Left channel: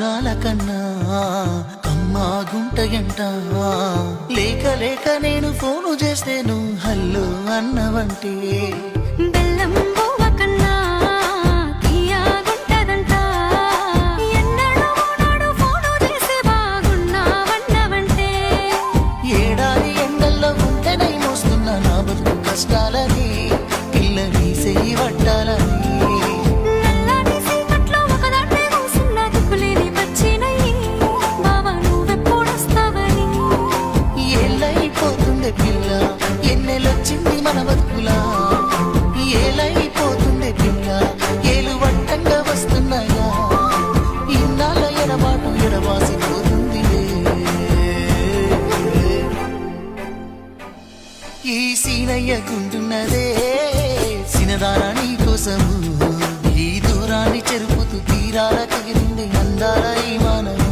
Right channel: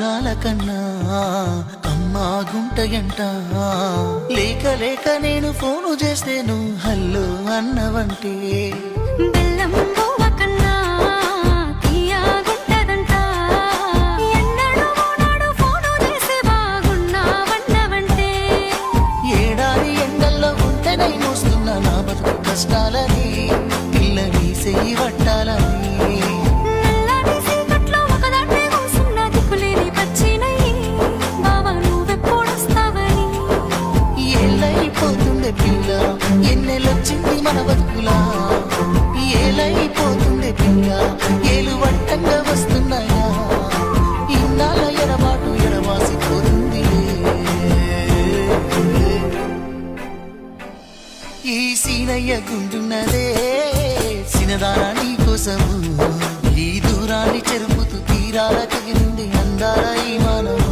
మధురాల కన్నా అమ్మా గుంటయంట లేక లేక నేను ఫోను చేస్తే నువ్వు హల్లో అన్నవంటే బెల్లం బువ్వ కన్నా తీయగుంటదంట ఎన్నడూ నాడు ఫోను చేసి బాగున్నావన్నవంటే ఏడాది ఎండల్లో ఉంటేనై మోస్తున్నా నా బతుకు కష్టాలని పిల్ల వీసేయి వట్టాలని నల్లని సీకట్లో ఒకదాన్నే కూసున్న దిక్కులేని పచ్చినయ్యి బావా నువ్వెప్పుడొస్తావని ఏళ్ళైపోతుండే పిల్ల ఎన్నెలొచ్చింది మన బతుకులా ఏలైపోతుండే పిల్ల ఏలు వట్టంగా వస్తున్నాయా ఇన్నాళ్ళ ఎడబాటు ఎడవాసిపోతుందిలే ఈ సీనయ్య గుండున్నదే సినదారా నీ కోసము ఈ దూరాన్ని చెరుపుతూ తీరాల కగిరింది అందాల ఈ మానవు